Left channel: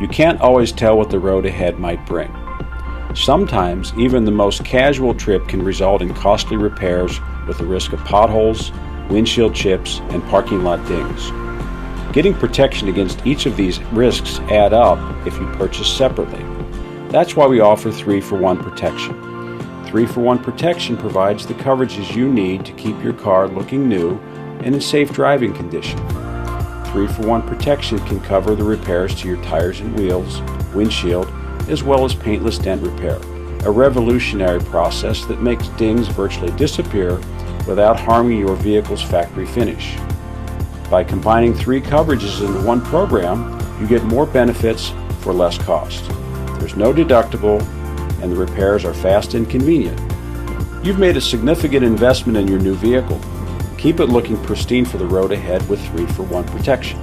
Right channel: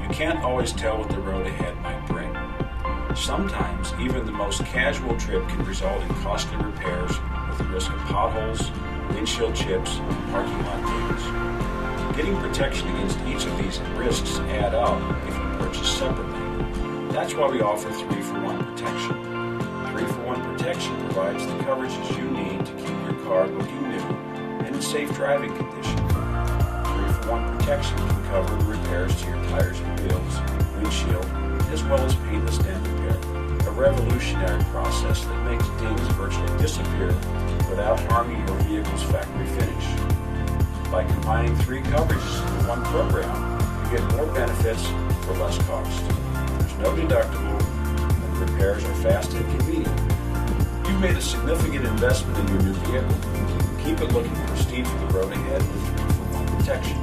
You can't always tell what the road ahead might bring. Sometimes, even the most casual trip can result in costly repairs with the risk of potholes, windshield chips, and parking lot dings. Getting protection against each of these risks add up if you purchase separately. That's why we offer 3-for-1 protection. 3-for-1 protection provides the coverages you need to keep your car looking new and in safe driving condition. 3-for-1 protection can cover the repairs to your tires and wheels, windshield, as well as paintless dent repair, a revolutionary process that makes dings virtually disappear without harming your vehicle's factory finish. By combining 3 coverages into one program, you get more benefits for less cost. There's no deductible, and the repairs are fast and convenient. You've made a significant investment in your new vehicle. Keep it looking pristine for the road ahead with 3-for-1 protection.